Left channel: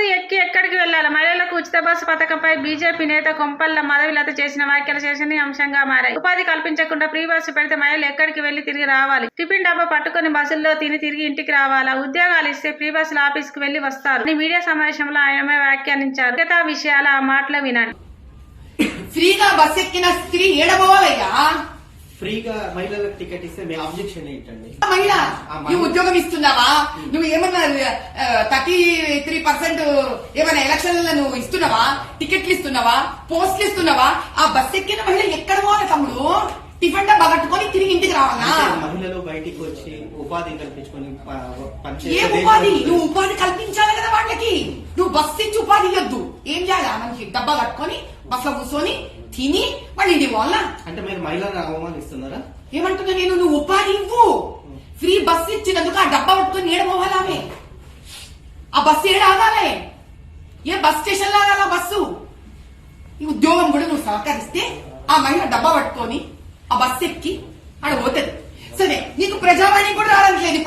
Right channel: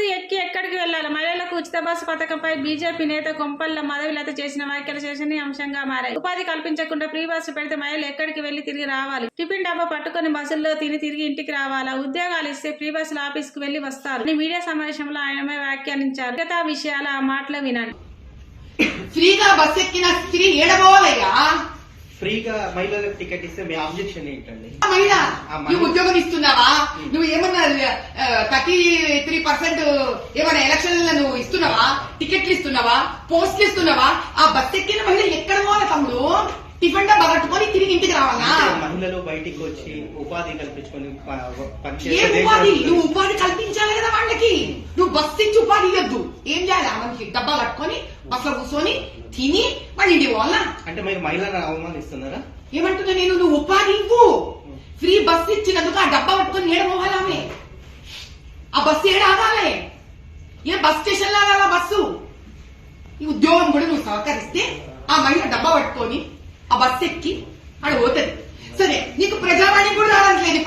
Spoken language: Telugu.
బస్సు ఎక్కి ఎక్కడికి వెళ్లాలి? మహిళలకు ఉచిత బస్సు పథకంపై బీజేపీ నేత కొంపల్ల మాధవిలత చేసిన వ్యాఖ్యలు చర్చనీయాంశంగా మారాయి. ఉపాధి కల్పించకుండా ఫ్రీ బస్సు పెడితే మహిళలు ఎక్కడికి వెళ్లి తిరిగి రావాలి? టిఫిన్ డబ్బా పట్టుకుని బస్సుల్లో తిని తిరిగి ఇంటికి రావాలా? ఉద్యోగాలు ఇస్తే ఫ్రీ బస్సులు ఆఫీసుకు వెళ్లి వస్తారు అని మీడియా సమావేశంలో ఆయన వ్యాఖ్యానించారు. మిగతా విషయాల ఆ మాటలు వినండి. ఫ్రీగా బస్ ఎక్కిన స్త్రీ ఏడబోవాలయ్యా? ఫ్రీగా మహిళలకు టికెట్ ఇస్తే మీ ఆబ్జెక్షన్ ఏంటండి? మహిళ నువ్వు ఉద్యోగం ఇస్తున్నావా? నువ్వు ఏమన్నా 33% ఏమైనా ఎలక్షన్లలో నువ్వు ఇస్తున్నావా? టికెట్లు ఇస్తున్నావా? పోస్టులు ఇస్తున్నావా? ఆ బస్ ఎక్కిన మహిళ ఎక్కడ పోవాలి తమ్ముడు? టిఫిన్ డబ్బా కట్టుకొని తిరిగి ఇంటికి రావాలా? మహిళలు బయటికి వచ్చి ఉపాధి కల్పించుకొని ఏ ఉపాధి? నువ్వు ఉపాధి కల్పించాలి కదా వాళ్ళకి. నువ్వు బస్ ఇచ్చి ఉపాధి ఇవ్వద్దు. ఏం చేయాలి? మనకి డబ్బా కట్టుకొని బస్సులో కూర్చొని తిని వాళ్ళు ఇంటికి పోవాలా? అంటే మీరు మహిళలను అవమానిస్తున్నారా? ఏమంటున్నా నేను? నువ్వు ఉపాధి ఇవ్వు. ఫ్రీ బస్సు ఇచ్చినందుకు ఆ డబ్బా పట్టుకొని ఏడమోవాలామే? ఆ బస్సు ఏడాగాలే? ఏ బస్ స్టేషన్ లాగా బస్సు? ఈ ఉద్యోగం కూడా నువ్వు సహకరిస్తే ఆ మహిళ డబ్బా పట్టుకొని ఆ బస్సు ఎక్కి ఆడ పోతుంది. సరే, నీకు ప్రజావాణి కూడా రావట్లేదు.